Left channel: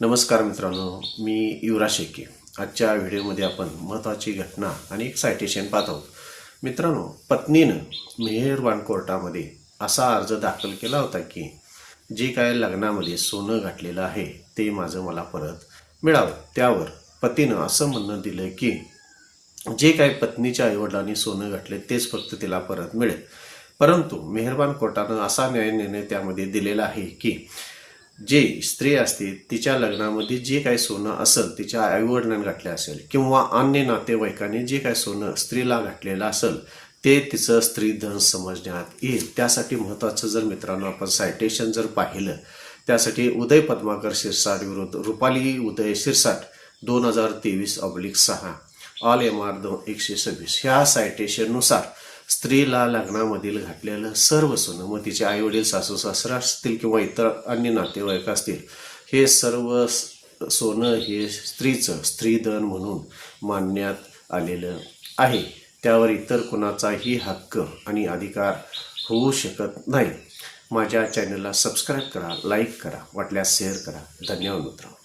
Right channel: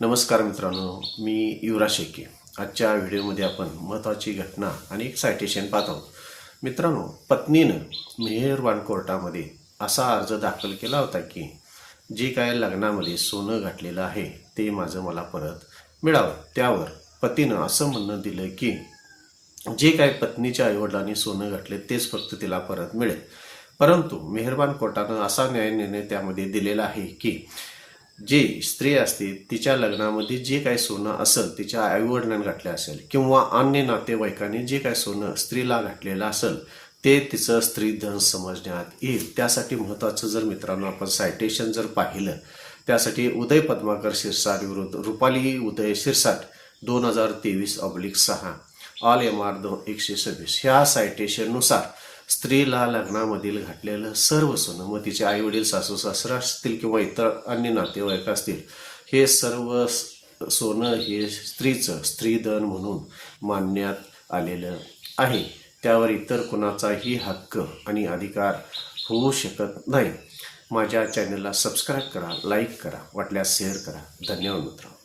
नमस्कार मित्रांनो मी युवराज शेके. आजच्या व्हिडिओमध्ये आपण महत्त्वाची घटना आणि एक सायटेशन पाहत आहोत. मित्रांनो पत्नीनं मेहेरबान कोर्टामध्ये असा अर्ज दाखल केला होता की जे काय लग्नामध्ये सोनं घातलेलं आहे ते माझं मला परत मिळावं. त्यावर पतीनं असं म्हणणं दिलं की जे काय पत्नीच्या आईवडिलांनी सोनं घातले तेच फक्त तिला परत मिळेल. परंतु मेहरबान कोर्टानं असा न्याय निर्णय त्यामध्ये दिलेला आहे की जे स्त्री असते तिच्या लग्नामध्ये जे काही सोनं असेल तिच्या आईवडिलांनी घातले असेल किंवा अन्य नातेवाईकांनी जे काही सोनं स्त्रीला घातलेलं असेल ते तिचं स्त्री धन समजण्यात येईल. त्यासाठी महत्त्वाचं जर मित्रांनो आपण सायटेशन जर पाहिलं त्यासाठी उदय पद्माकर शिरसाट विरुद्ध रुपाली उदय शिरसाट दोन हजार तेवीस ऑब्लिक सहा ऑल एम आर दोन एकशे सव्वीस. ह्या सायटेशननुसार स्त्रीला लग्नामधील घातलेलं सर्व सोनं मग तिचे आईवडील सासू सासरा असतील किंवा इतर अन्य नातेवाईक असतील हे सर्व स- सोनं हे स्त्रीचं स्त्रीधन म्हणून मानण्यात आलेलं आहे. त्यावर इतर कोणाचाही हक्क आणि अधिकार होऊ शकत नाही. माझ्या चॅनलला सबस्क्राईब करा लाईक करा वाटल्यास शेअर करा. धन्यवाद मित्रांनो.